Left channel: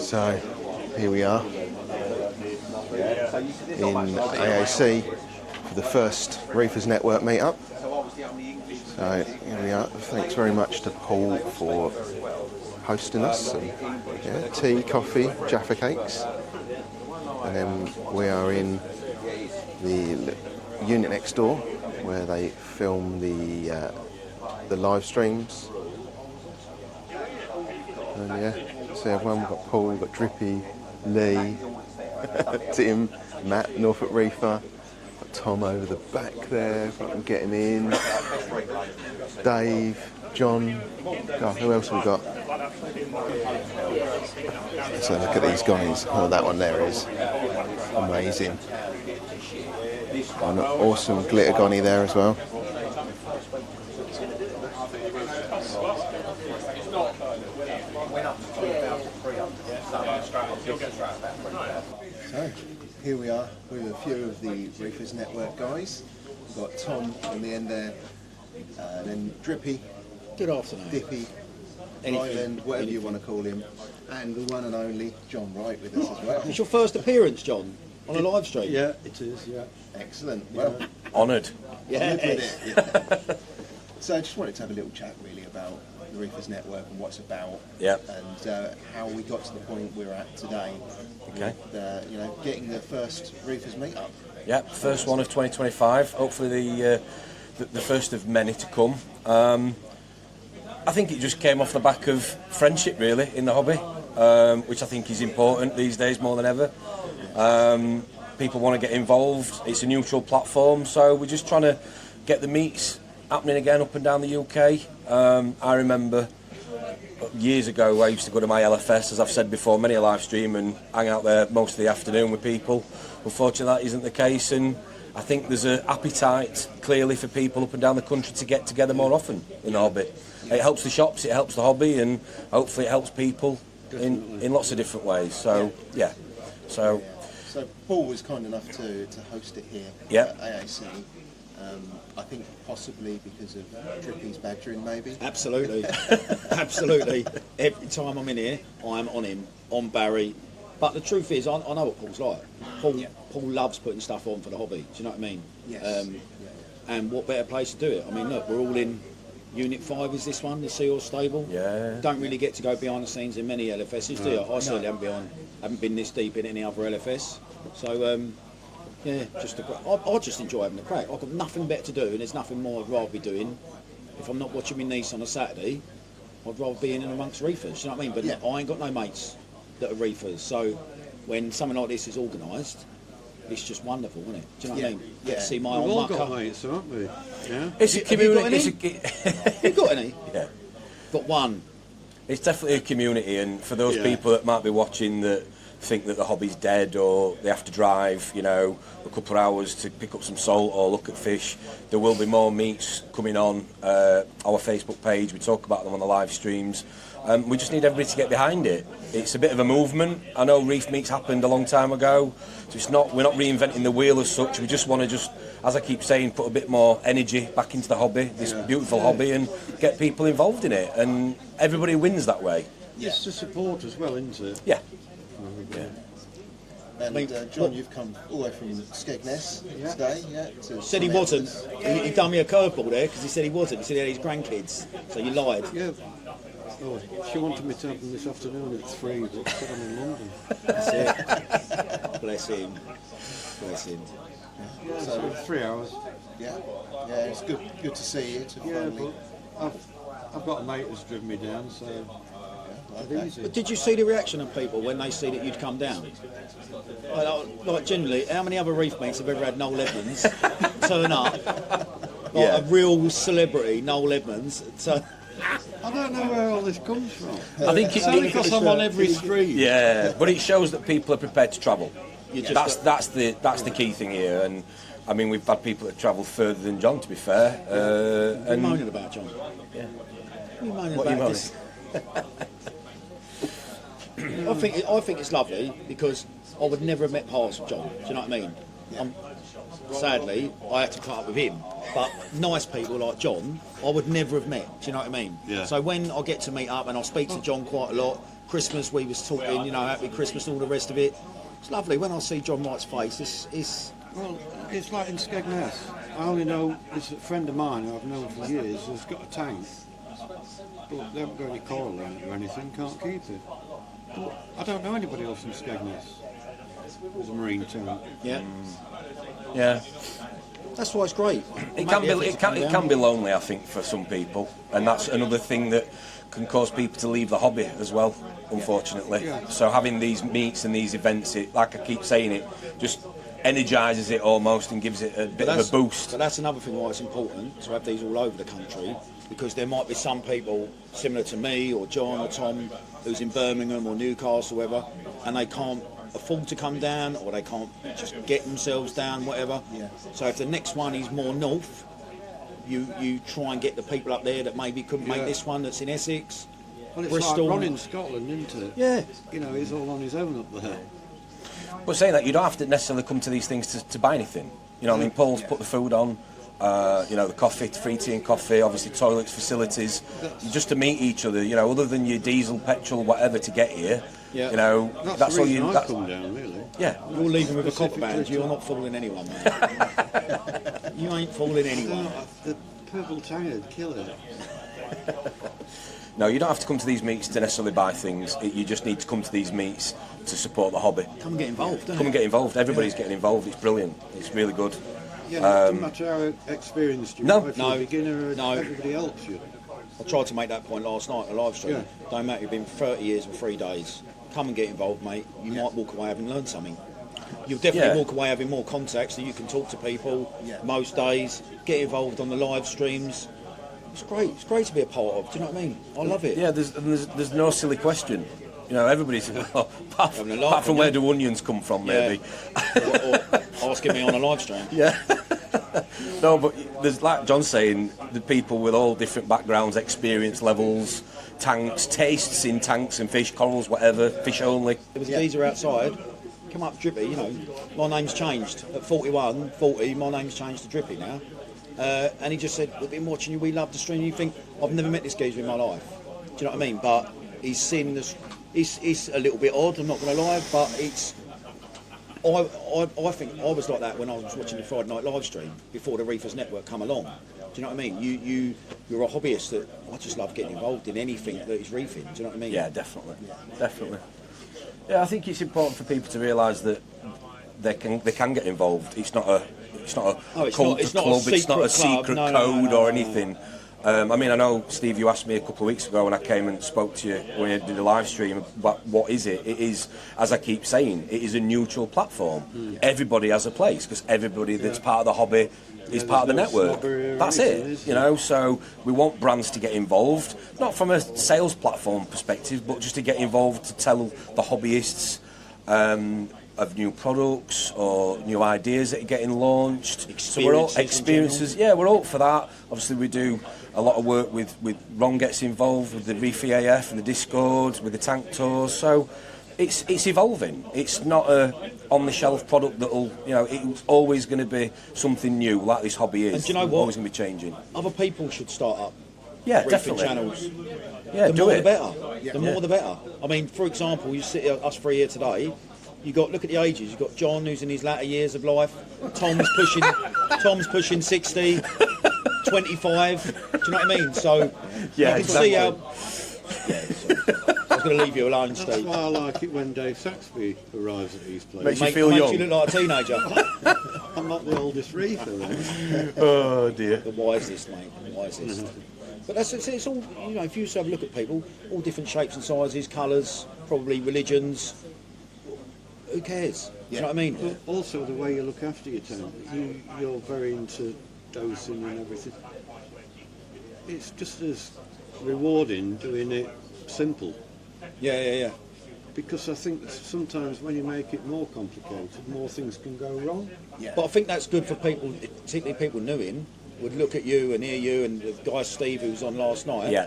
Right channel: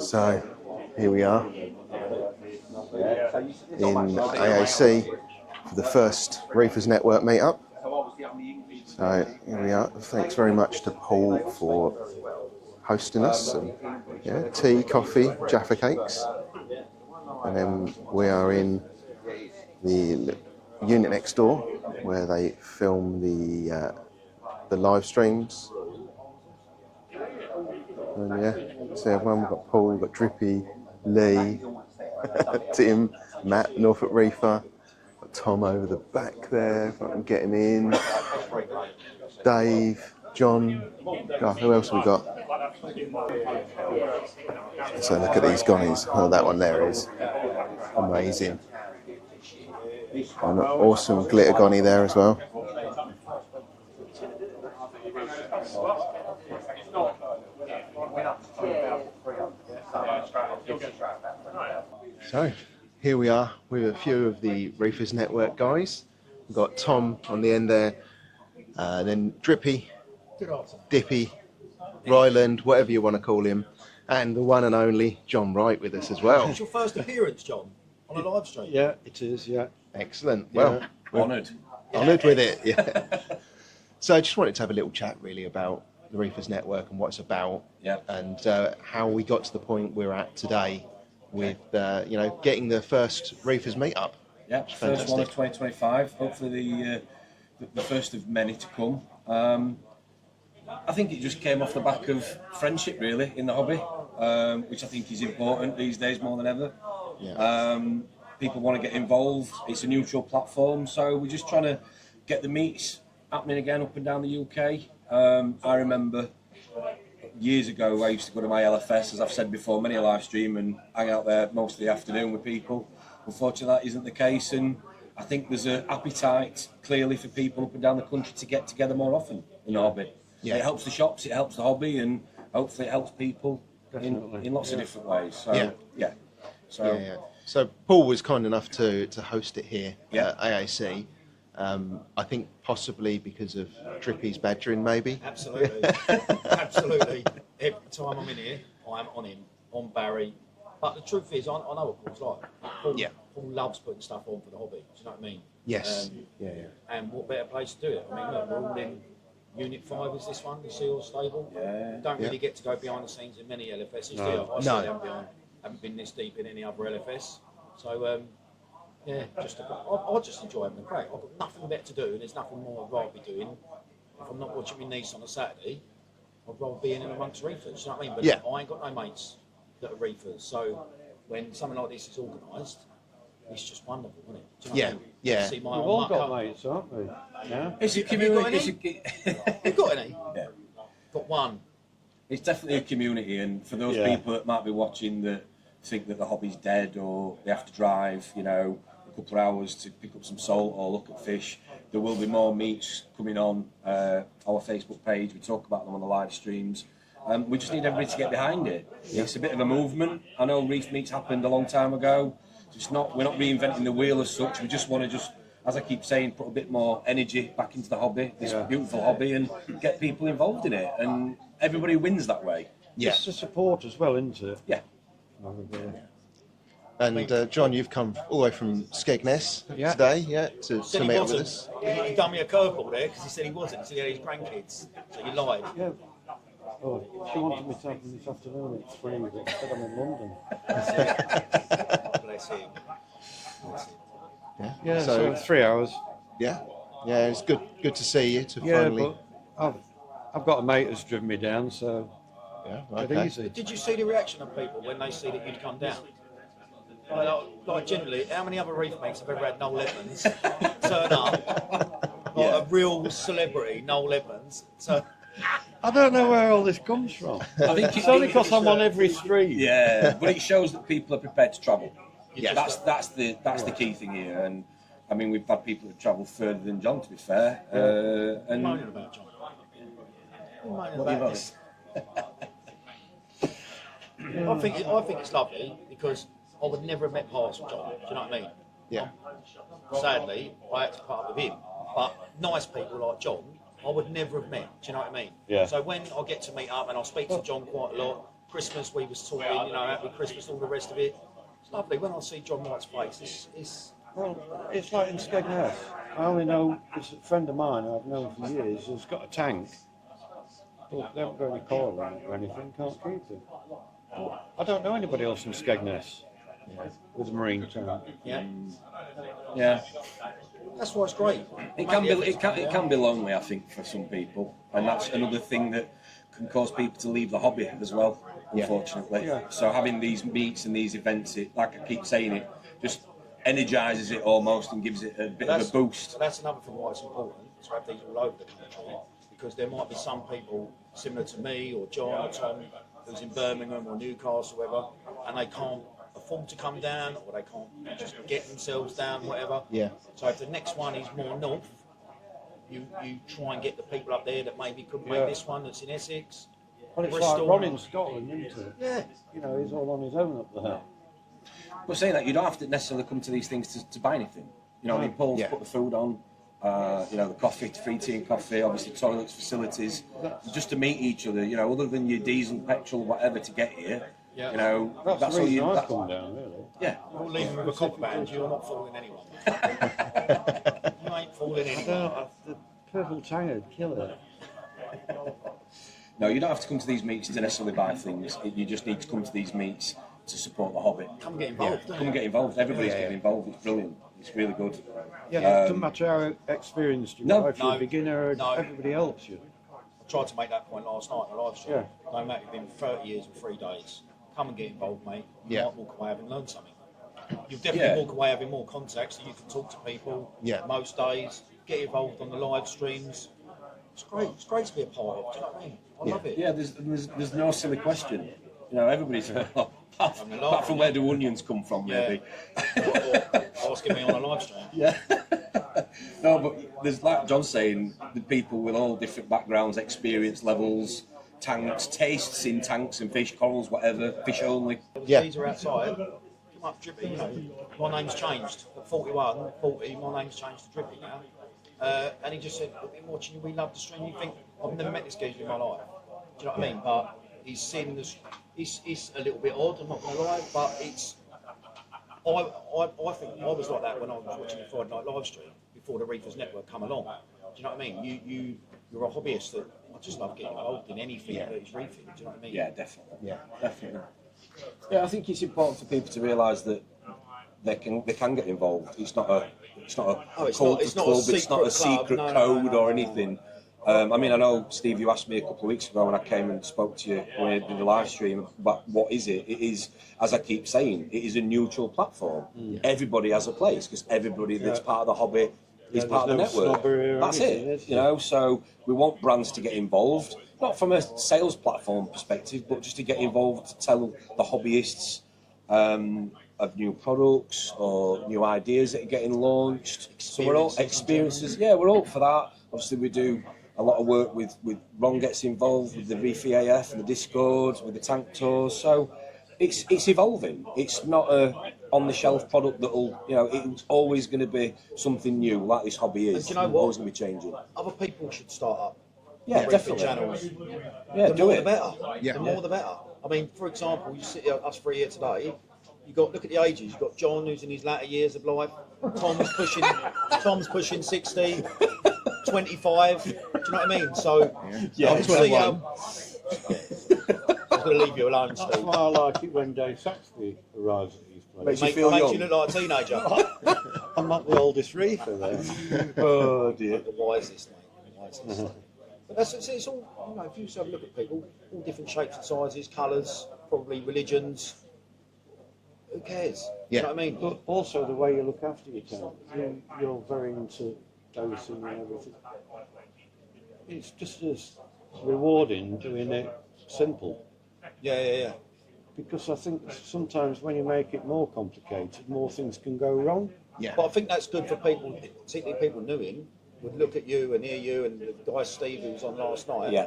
So here we are in AAC for the first Reefers Network meetup. So here we are. Thanks very much to Paul for hosting us. And, tea, coffee, Jaffa cakes. And then we are in the unit next door where they film the live streams. And so everyone, we've got Paul, we've got Drippy, Lee, Tim, Matt, Norfolk Reefer, got Tom over the back there, if I can get him in, Dave, John, God, who else have we got? So look at these guys. Oh, that one there is amazing. Oh, an awesome glitter gonny there as well. So here we are with a few of the Reefers Network guys. We've got Tom on the end there, then Drippy, good afternoon, Dippy, Ryland, whatever you want to call him, and the one and only John Wright with us as well. It's your first appearance, John, on a live stream. Yeah, it is, yeah. Excellent. Well, honoured. Honoured with it, yeah. So I just wanted to have a little chat really about the Reefers Network and what it's about, and how we got to the point we're at today with getting the first Reefers meetup. Yeah, first one of 2025. Hopefully the first of many to come. I think it just came off the back of friendship really in the hobby, which I think is important these days more than ever. People want to get involved. It's a neutral platform, so we're just trying to get the meets happening again up and down the UK. I remember years ago I used to go to my LFS, as I've said before, many a live stream and hang out there most of the afternoon with people. Unfortunately that isn't the case, and I think there's an appetite clearly for people up and down the country to get together more often in the hobby. Yeah. It helps the shops, it helps the hobby, and hopefully it helps people in lots of different ways. So So Paul was kind enough to host it here at AAC. I think possibly because of Drippy's badgering, maybe. Absolutely, absolutely. Every time I'm in here, I'm on him, on Barry. But the truth is, I know what Paul's like. Paul loves putting stuff on for the hobby. Do you know what I mean? Yes. And what better place to do it? I mean, look, we're all in Unit 5 is this one, the Seahorse stable. Yeah. Don't really get to go behind the scenes in many LFSs, do you? I certainly haven't been this deep in any other LFS. So, I just enjoy having a crack. I've got nothing better to do, and there's nothing more I'd rather be doing. If I'm not watching my niece on a Saturday, I'd rather be in and amongst reefers, you know what I mean? But I ain't got no mates that are reefers, so when something like this is organised, it's just wonderful, isn't it? Do you know what I mean? Yeah. We've all got mates, aren't we? Yeah. It's a community. You got any? Yeah. Got one. It's definitely a community, and for those people that might be watching that think that the hobby's dead or they have to drive, a couple of hours to pick up some salt or look at fish, there will be more meets coming on our Facebook page. We talk about them on the live streams. We just need everybody to get behind it. It's a bit of a movement. I know Reef meets happened a long time ago, so we're not reinventing the wheel as such. We just want to as I keep saying, put a bit more energy back into the hobby, this beautiful hobby, and get people involved in it. And everybody wins that way. Yeah. It's the support as well, isn't it? Yeah. And John, you've come all the way from Skegness today, to said he wasn't. He done me a curveball there because he said he wasn't. He said he had his grandkids, so you lied. Yeah. Oh, she wanted me to have them this afternoon at 3, but I'm in London. That's it. Bless him. Bless him. Yeah, so 3 hours. Yeah, it's good to see you. Finally. But I've got a mate who's driven me down, so okay. But did you see the reaction of people when they see that you'd come down? Like generally, how many other reef mates have ever had Noel Edmonds turn up? A real celebrity, Noel Edmonds. So I don't know where all this comes from. I think it's only because I'm on every stream. Yeah, but it shows that people are prepared to travel. That's the key thing here. And I mean, we've had people that travel further than John, to be fair. What are you moaning about, John? Yeah. What are you moaning about this? I think it's lovely because I would never have met past John. Do you know what I mean? Yeah. Sadly, I had to put up with him. But nice people like John, I would never have met. Do you know what I mean? Yeah. So when I get to meet up and I speak to John quite a lot, Christmas we was talking, you know, happy Christmas and all the rest of it. It's lovely. When I see John Wright's face, it's Well, it's like in Skegness. I only know there's a friend of mine who I've known for years who's got a tank. But they haven't got any coral in it or anything, can't keep it. But I don't know anybody else in Skegness with a marine tank. yeah. Yeah. That's why it's great. It can be lonely, I think, for some people, and that's another thing that can cause people to leave the hobby as well, unfortunately. Yeah. So having these meets and these events, it, like I keep saying, it just energises it almost and gives it a bit of a boost. But that's another thing why it's important to have these all over the country, because there might be some people similar to me or John or Tom who's in Birmingham or Newcastle or whatever, and they can't afford to come down, or they can't just get themselves down, whatever. Yeah. So if the next one is more north, you try and get the people up there that maybe couldn't make this one that's in Essex, Well, it's Bristol. like Ron in Scotland, isn't it? Yeah. You know, he's all on his own up there. But saying that, you don't have to necessarily come to these things to buy anything. You know, I mean, Paul's put the food on, you know, the coffee, free tea and coffee, obviously toilets, facilities, just to meet each other, you know, other than your diesel, petrol, whatever to get here. Yeah. You know, that's the all reason you... I've come down, really. Yeah. You're leaving with a copper band, you're not fooling anyone, mate. You ain't fooling anyone. The purple tired killer. No, you don't have to come to these meets to necessarily buy things. You just need to come to these meets to support the hobby. Come get involved, don't Come and you? get involved. Everybody's getting involved. It's brilliant. It's really good. Yeah, it doesn't matter how experienced you No. are, if you're a beginner, No. everybody helps you. I tried to make that point last night on a live stream. Yeah. Don't matter, you've been 30 years and 3 days. Come and get involved, mate. You might walk away having learned something. You'll definitely walk away having more contacts so you can talk to people most days, get involved on the live streams. It's great. It's great to be a part of. Do you know what I mean? I love it. Yeah, there's no silly question. You know, everybody's apart from where do onions come from, maybe. or asking me on a live stream. Yeah. No, but there's, like John's saying, the people with all different backgrounds, experience levels, tanks, tastes in tanks and fish, corals, whatever, fish only. There was a geezer outside, come up Drippy, you know, my name's changed. At 41, 40, my name's changed to Drippy now. And he just said, we've been watching you, we love the stream. You think, I've never met this geezer in my life. Do you know what I mean? But he's seen this, it's a little bit odd, I'm not going to lie, but it's, I think I was like that when I was watching the Friday night live stream before the Reefers Network come along. Do you know what I mean? You're a hobbyist that I just love getting involved in anything that is reefing. Do you know what I mean? Yeah, definitely. Yeah, definitely. Yeah, I think it's important for people to realise that they can get involved. It's not a cult club. It's not a secret code or anything. I mean, I know, Steve, you asked me a couple of weeks ago when I came and spoke to you when you did the live stream, what is it? It is, as I keep saying, it is a neutral platform. Everybody has a place, because everybody that's part of the hobby is part of the network. That's it, you know, so we want brands to get involved, not from a sales platform perspective, but just to get involved to tell the hobbyists of new products or new ideas that are getting launched. So we're all experiences. Yeah, we're all for that. Obviously, we do a lot of work with Ron gets involved with the Reef EAF and the Discord, with the tank tours. So it's evolving. It's not a on-the-shelf product that'll, you know, it's always going to be something new, like this hobby is. And do you know what? Always going to be changing. Other people should start up. Yeah, reefing definitely. channels. Yeah, The do more it. the better. The more the better. I mean, for example, you sit here, us three here today. You got look at the ages. You've got John, who's in his latter years of life. Tom's pushing 60, 25. Do you know what I mean? So Yeah, I can see how. I was going to leave you alone, That's Steve. why I like it when Dave Saxby arrives at these places. Makes you feel young. You look like a teenager. I'm not the oldest reefer though. Oh dear. The wisest, mate. The wisest. But it's all, you know, if you have a look at people, all different shapes and sizes, colours, probably religions. Who cares? Do you know what I mean? But also the way you look after your tank. You're very into dosing and everything. It's just as rewarding doing it simple. Yeah. Because I think sometimes when you make it more complicated, more things can go wrong. Yeah. But I think that's good for people, particularly people new in, would look at you and hear you and the guy Steve who was on last night. Yeah.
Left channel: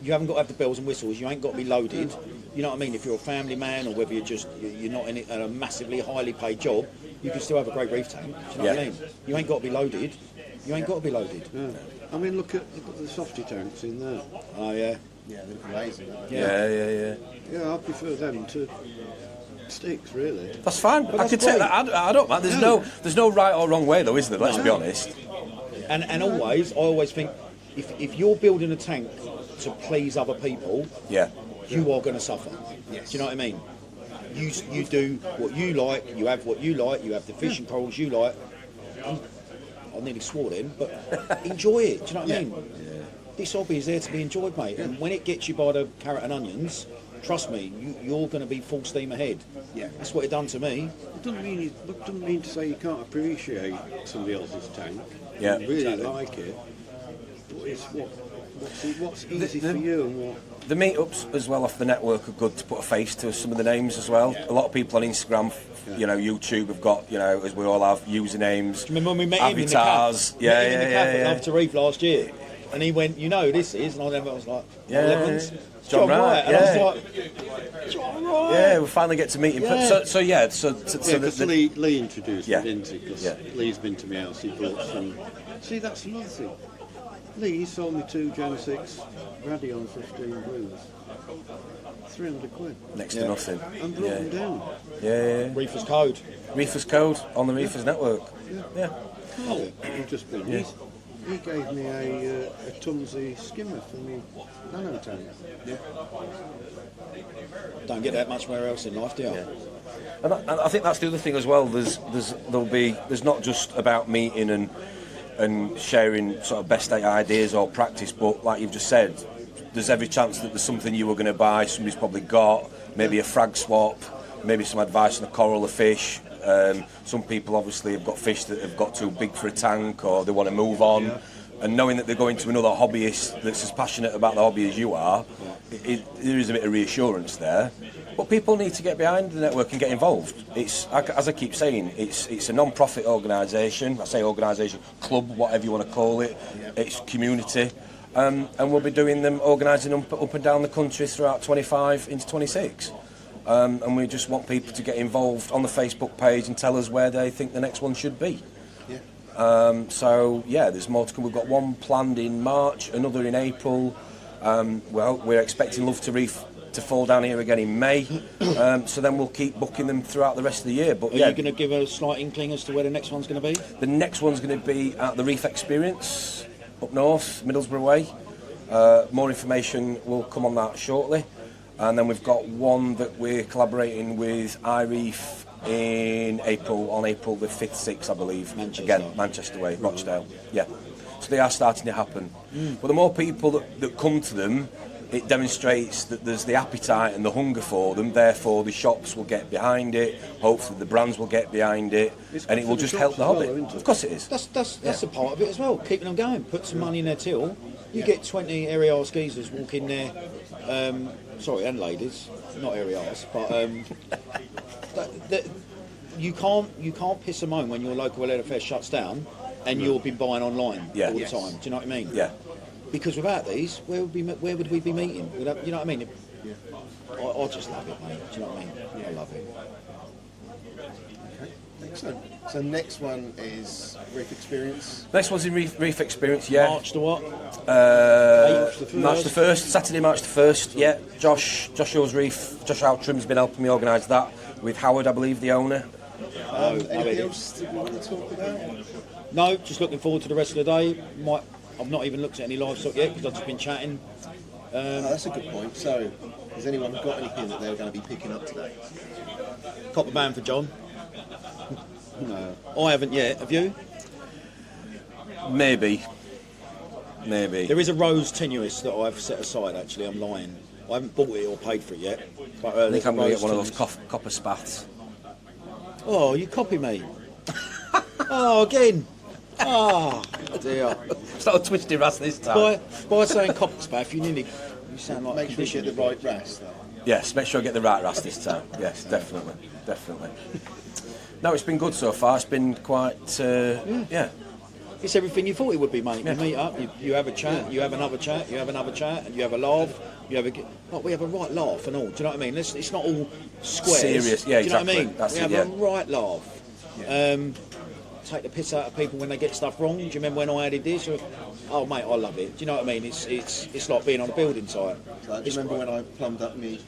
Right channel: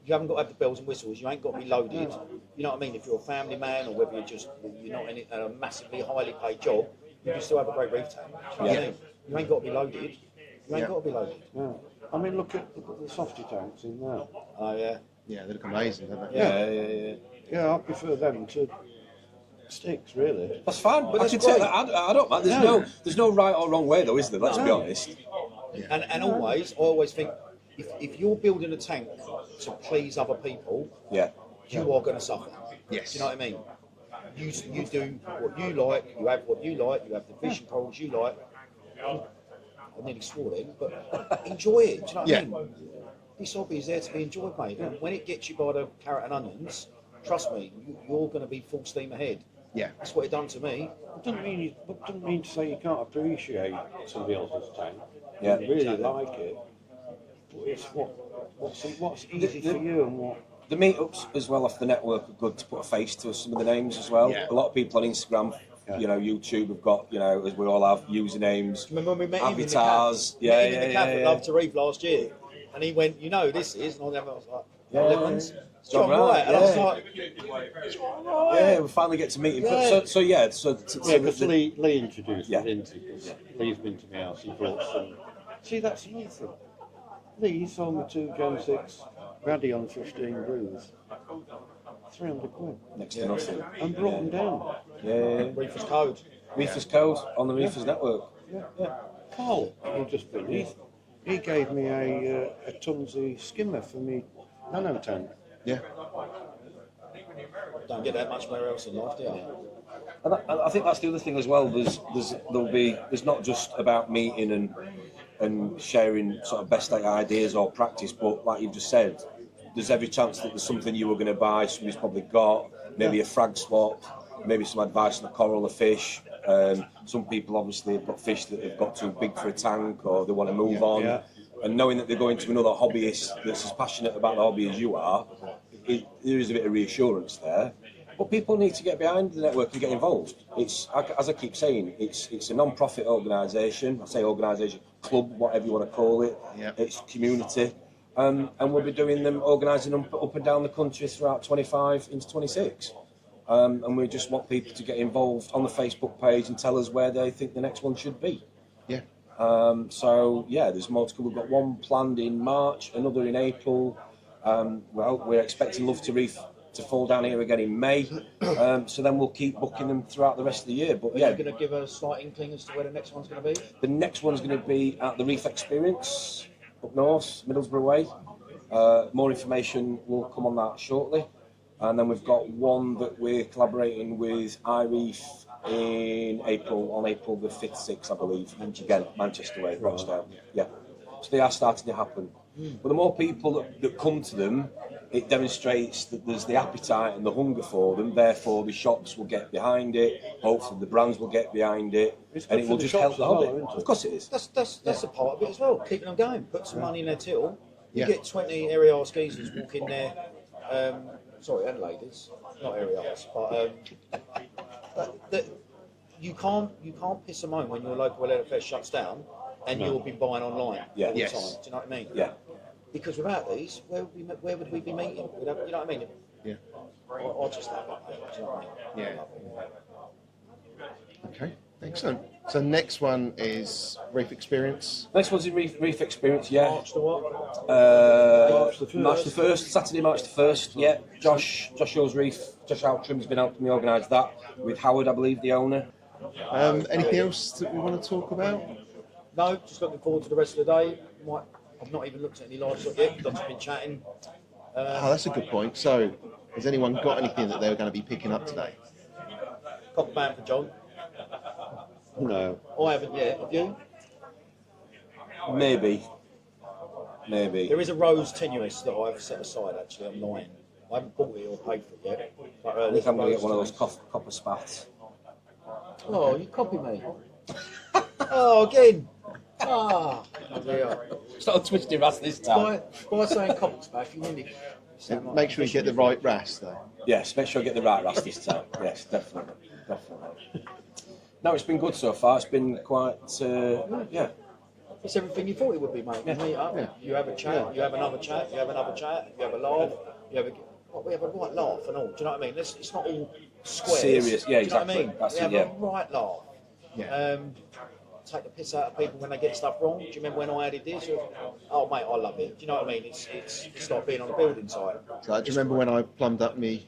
You haven't got to have the bells and whistles. You ain't got to be loaded. You know what I mean? If you're a family man or whether you're not in a massively highly paid job, you can still have a great reef tank. Do you know what I mean? You ain't got to be loaded. You ain't got to be loaded. Yeah. I mean, look at the softy tanks in there. Oh yeah. Yeah, they look amazing, don't they? Yeah. Yeah, I prefer them to sticks, really. That's fine. I can take that. I don't mind. There's no right or wrong way, though, is there? Let's be honest. And I always think, if you're building a tank to please other people, you are going to suffer. Yes. Do you know what I mean? You do what you like, you have what you like, you have the fish and corals you like. I nearly swore then, but enjoy it. Do you know what I mean? Yeah. This hobby is there to be enjoyed, mate. And when it gets you by the carrot and onions, trust me, you're going to be full steam ahead. Yeah. That's what it done to me. It doesn't mean to say you can't appreciate somebody else's tank. Yeah. Really like it. But it's what's easy for you and what. The meetups as well off the network are good to put a face to some of the names as well. Yeah. A lot of people on Instagram, YouTube have got, as we all have, usernames, Do you remember when we met avatars. him in the cafe? Met him in the cafe after Reef last year, and he went, this is, and I was like, John Wright, and I was like, John Wright. Yeah, we finally get to meet him. Yeah. So Lee introduced me, didn't he? Because Lee's been to my house, he brought some. See, that's another thing. Lee sold me 2 Gen 6 Radion 15 blues. 300 quid. Next to nothing. And brought them down. Yeah. Reefer's code. Reefer's code on the Reefers network. Yeah. Oh, just been. He gave me a Tunzi skimmer for me nano tank. Yeah. Don't get that much where else in life, do you? And I think that's the other thing as well. There's not just about meeting and sharing sort of best state ideas or practice, but like you've just said, there's every chance that there's something you were going to buy, somebody's probably got, maybe a frag swap, maybe some advice on a coral or fish. Some people obviously have got fish that have got too big for a tank or they want to move on. Yeah. And knowing that they're going to another hobbyist that's as passionate about the hobby as you are, there is a bit of reassurance there. But people need to get behind the network and get involved. It's, as I keep saying, it's a non-profit organisation. I say organisation, club, whatever you want to call it. Yep. It's community. And we'll be doing them, organising them up and down the country throughout 25 into 26. And we just want people to get involved on the Facebook page and tell us where they think the next one should be. Yeah. There's more to come. We've got one planned in March, another in April. We're expecting Love to Reef to fall down here again in May. So then we'll keep booking them throughout the rest of the year. But Are you going to give a slight inkling as to where the next one's going to be? The next one's going to be at the Reef Experience up north, Middlesbrough way. More information will come on that shortly. And then we've got one that we're collaborating with Reef in April, on April the 5th, 6th, I believe. Manchester way, Rochdale. Yeah. So they are starting to happen. But the more people that come to them, it demonstrates that there's the appetite and the hunger for them, therefore the shops will get behind it, hopefully the brands will get behind it, and it will just help the hobby. Of course it is. That's a part of it as well, keeping them going, put some money in their till. You get 20 aerial skeezers walk in there, and ladies, not aerials, but you can't piss them home when your local LFS shuts down and you'll be buying online all the time. Do you know what I mean? Yeah. Because without these, where would we be meeting? You know what I mean? Yeah. I just love it, mate. Do you know what I mean? Yeah. I love it. Okay, excellent. So next one is Reef Experience. Next one's in Reef Experience, yeah. March the what? March the 1st, Saturday, March the 1st, yeah. Josh Shaw's Reef, Josh Outram's been helping me organise that with Howard, I believe, the owner. Anything else that we want to talk about? No, just looking forward to the rest of the day. I've not even looked at any livestock yet because I've just been chatting. That's a good point. So, has anyone got anything that they're going to be picking up today? Copper band for John. No. I haven't yet. Have you? Maybe. There is a rose tenuis that I've set aside. Actually, I'm lying. I haven't bought it or paid for it yet. But, I think I'm going to get one of those copper spats. Oh, you copy me. Oh, again. Ah, dear. It's not a twisty ras this time. By saying copper spaff, you sound like... Make sure you get the right ras, though. Yes, make sure I get the right ras this time. Yes, definitely. No, it's been good so far. It's been quite, It's everything you thought it would be, mate. You meet up, you have a chat, you have another chat, you have another chat, and you have a laugh. We have a right laugh and all. Do you know what I mean? It's not all squares. Serious, yeah, do you know exactly. what I mean? That's we have a right laugh. Yeah. take the piss out of people when they get stuff wrong. Do you remember when I added this? Oh mate, I love it. Do you know what I mean? It's like being on a building site. Do you remember when I plumbed up me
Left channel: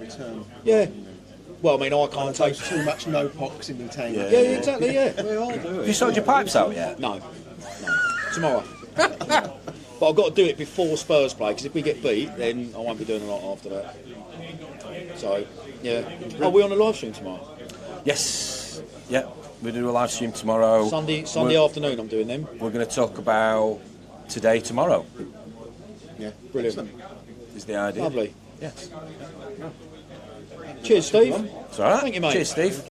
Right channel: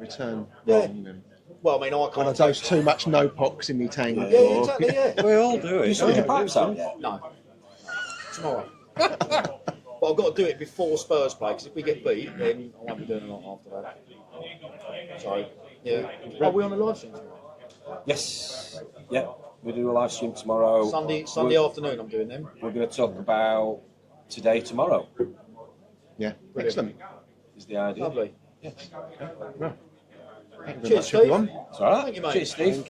return? Yeah. And Well, I mean, I when I can't dosed too much no pox in my tank. Yeah, exactly. Yeah. We all do Have it. you sorted your pipes out yet? No, tomorrow. But I've got to do it before Spurs play, because if we get beat, then I won't be doing a lot after that. So, yeah. Are we on a live stream tomorrow? Yes. Yeah. We're doing a live stream tomorrow. Sunday afternoon I'm doing them. We're going to talk about today, tomorrow. Yeah, Brilliant. excellent. Is the idea. Lovely. Yeah. Cheers, Steve. everyone. It's all right. Thank you, mate. Cheers, Steve.